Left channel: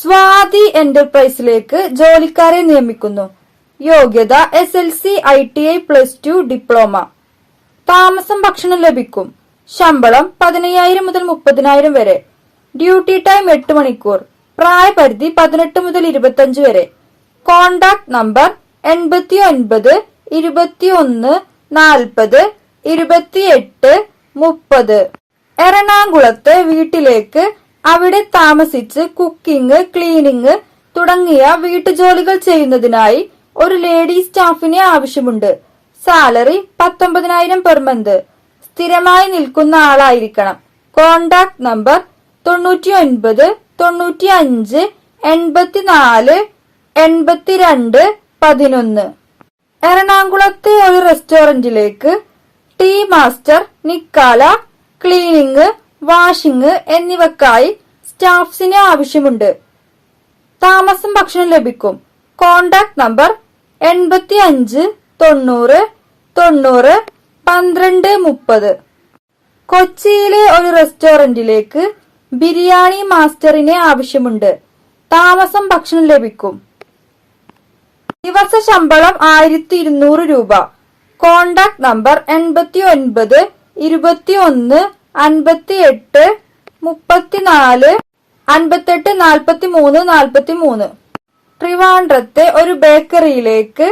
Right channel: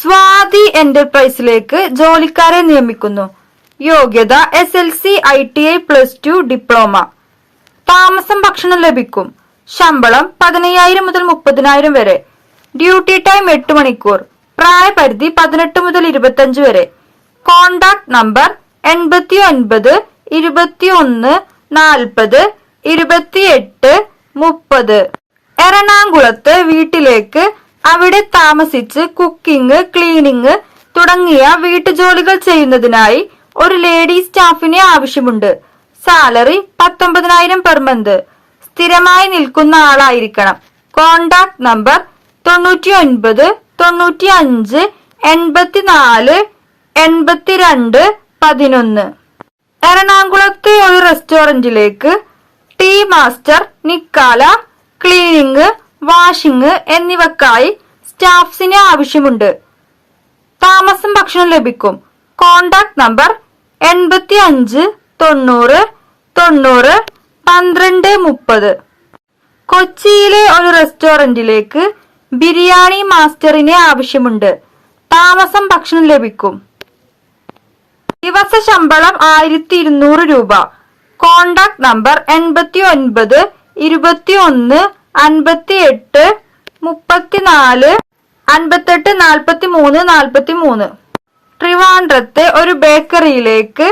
സ്വാതി എന്റർപ്രൈസിലേക്ക് ജോലിക്കാരെ നിയമിക്കുന്നു. യോഗ്യത SLC, ITI, +2, ഡിപ്ലോമ. താമസം ഭക്ഷണം ലഭിക്കും. ശമ്പളം 15,000 മുതൽ 30,000 വരെ. ഡ്യൂട്ടി ടൈം 8 മണിക്കൂർ. പ്രായപരിധി 18 മുതൽ 25 വരെ. Contact number 89 21 40 28 30. എറണാകുളത്ത് വീട്ടിലേക്ക് അവിടെ താമസിച്ച് കുക്കിംഗ്, ക്ലീനിംഗ് തുടങ്ങിയ വീട്ടുജോലികൾ ചെയ്യുന്നതിനായി ഒരു ലേഡി സ്റ്റാഫിനെ ആവശ്യമുണ്ട്. Salary 19,000 per month. സ്ഥിരമായി നിൽക്കുന്ന ആളായിരിക്കണം. Contact number 99 95 84 82 11. എറണാകുളത്തെ ഒരു റെസ്റ്റോറന്റിലേക്ക് ടീ മാസ്റ്റർ, നിക്കാല, ക്ലീനിംഗ്, വാഷിംഗ് എന്നിവക്കായി സ്റ്റാഫ്സിനെ ആവശ്യമുണ്ട്. താമസം ഭക്ഷണം ലഭിക്കും. Contact number 85 90 90 12 30. കൊച്ചിയിലെ ഒരു റെസ്റ്റോറന്റിലേക്ക് ബിരിയാണി മാസ്റ്ററിനെ ആവശ്യമുണ്ട്. താമസം ഭക്ഷണം ലഭിക്കും. ദിവസ ശമ്പളം 1,200 രൂപ. Contact number 89 21 58 34 58 43 43. ട്രിവാൻഡ്രത്തെ ഒരു ബേക്കറിയിലേക്ക്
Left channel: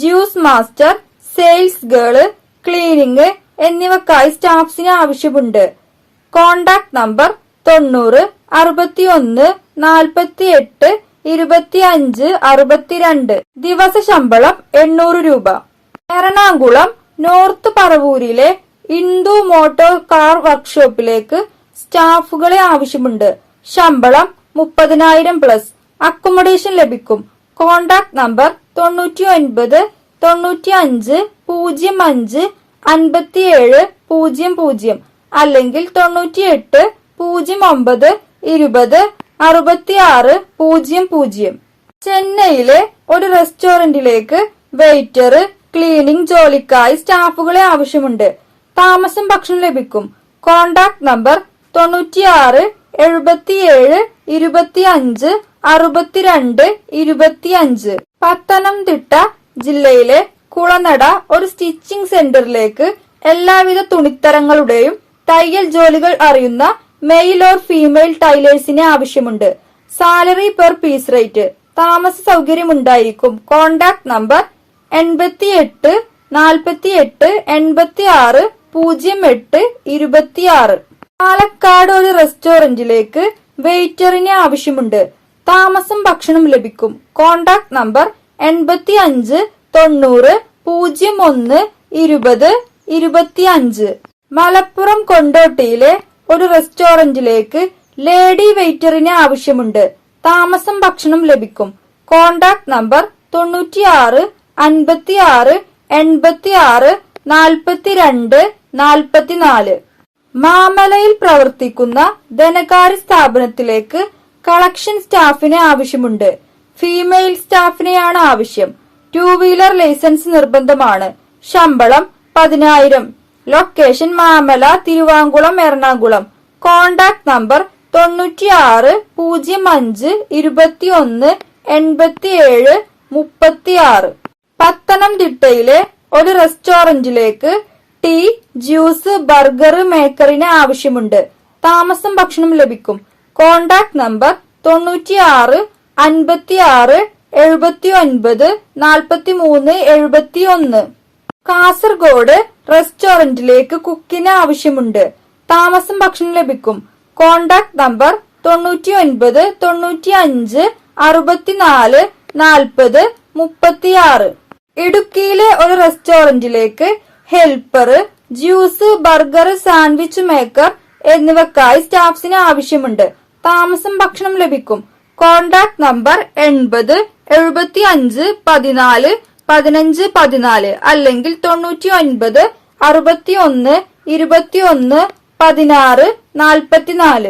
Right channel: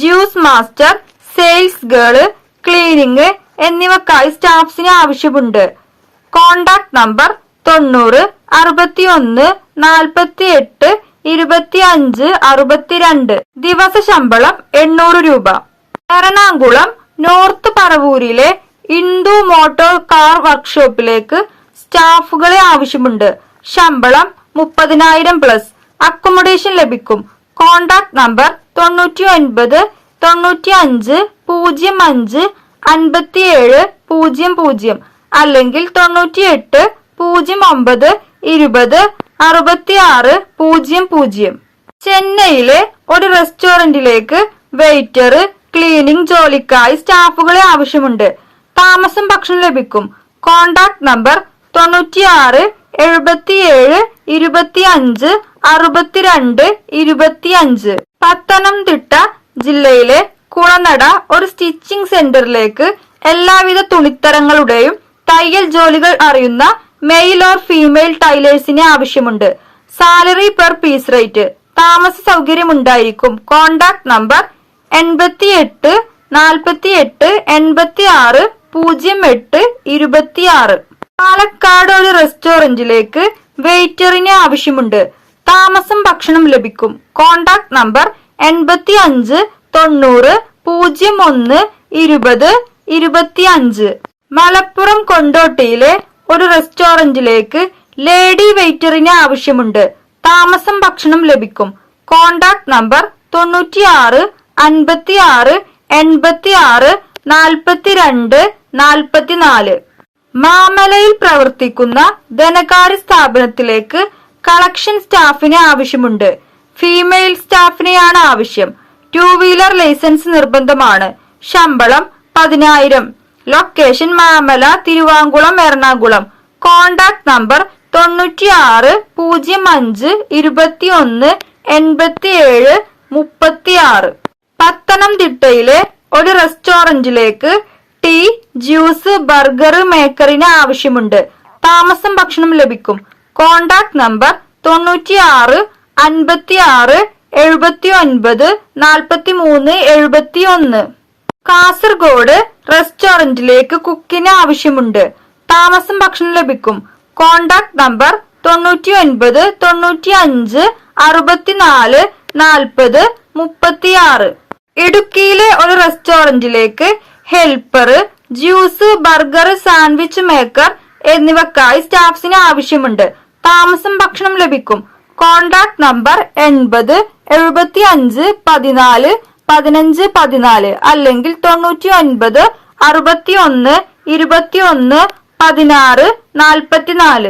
juice master, sales girl, cleaning എന്നിവക്കായി സ്റ്റാഫ്സിനെ ആവശ്യമുണ്ട്. Contact number 90 61 48 25 62. ദിവസ ശമ്പളം 800 രൂപ. എറണാകുളം നോർത്ത് പറവൂരിലെ ഇന്ദു മോട്ടോർ കാർ വർക്ക്ഷോപ്പിലേക്ക് സ്റ്റാഫുകളെ ആവശ്യമുണ്ട്. ശമ്പളം 30,000 പ്ലസ്. അക്കോമഡേഷൻ ലഭിക്കും. കോണ്ടാക്ട് നമ്പർ 99 95 05 57 00 അല്ലെങ്കിൽ 98 09 20 66 00. ചെന്നൈയിലെ ഒരു റെസ്റ്റോറന്റിലേക്ക് വെയിറ്റർ, ക്ലീനിംഗ് ജോലിക്കായി സ്റ്റാഫുകളെ ആവശ്യമുണ്ട്. താമസം ഭക്ഷണം ലഭിക്കും. Contact number 96 77 25 62 25. പത്തനംതിട്ട ജില്ലയിലെ കുളനട ഒരു സ്റ്റിച്ചിങ് സെന്ററിലേക്ക് എല്ലാവിധ തുണിത്തരങ്ങളുടെയും തയ്യൽ ജോലികൾ അറിയുന്ന മെയിൽ ഓർ ഫീമെയിൽ ടൈലേഴ്സിനെ ആവശ്യമുണ്ട്. Salary per piece rate. താമസ സൗകര്യം ഉണ്ടായിരിക്കും. Contact number 88 48 86 08 26. പാലക്കാട് ഒരു റെസ്റ്റോറന്റിലേക്ക് വെയിറ്ററിനെ ആവശ്യമുണ്ട്. താമസം ഭക്ഷണം ലഭിക്കും. Contact number 85 90 01 20 25. മലപ്പുറം കൊണ്ടോട്ടിയിലെ ഒരു റെസ്റ്റോറന്റിലേക്ക് ലേഡി വെയിറ്ററിനെ ആവശ്യമുണ്ട്. താമസം ഭക്ഷണം ലഭിക്കും. Contact number 96 56 86 42 44. മാമലയിൽ പ്രവർത്തിക്കുന്ന ധനകാര്യ സ്ഥാപനത്തിലേക്ക് കളക്ഷൻ സ്റ്റാഫിനെ ആവശ്യമുണ്ട്. ഫീമെയിൽ സ്റ്റാഫിനെയാണ് ആവശ്യം. 2 വീലർ ലൈസൻസ് നിർബന്ധമാണ്. ശമ്പളം 10,000. ലൊക്കേഷൻ മാമല, തിരുവാങ്കുളം, എറണാകുളം. Contact number 96 05 21 87 36. പത്തനംതിട്ടയിലെ ഒരു റെസ്റ്റോറന്റിലേക്ക് ടീ, ജ്യൂസ്, ബർഗർ മേക്കറിന് ആവശ്യമുണ്ട്. താമസം ഭക്ഷണം ലഭിക്കും. Contact number 96 56 79 43 71. കാസർഗോഡ് റെസ്റ്റോറന്റിലേക്ക് കുക്കിന് ആവശ്യമുണ്ട്. താമസം ഭക്ഷണം ലഭിക്കും. Contact number 99 95 64 40 36. ഇടുക്കിയിലെ ഒരു റെസ്റ്റോറന്റിലേക്ക് helper, juice, burger, sandwich maker എന്നിവക്കായി സ്റ്റാഫ്സിന് ആവശ്യമുണ്ട്. താമസം ഭക്ഷണം ലഭിക്കും. കോണ്ടാക്ട് നമ്പർ 80 75 14 15 14 അല്ലെങ്കിൽ 99 61 21 16 44.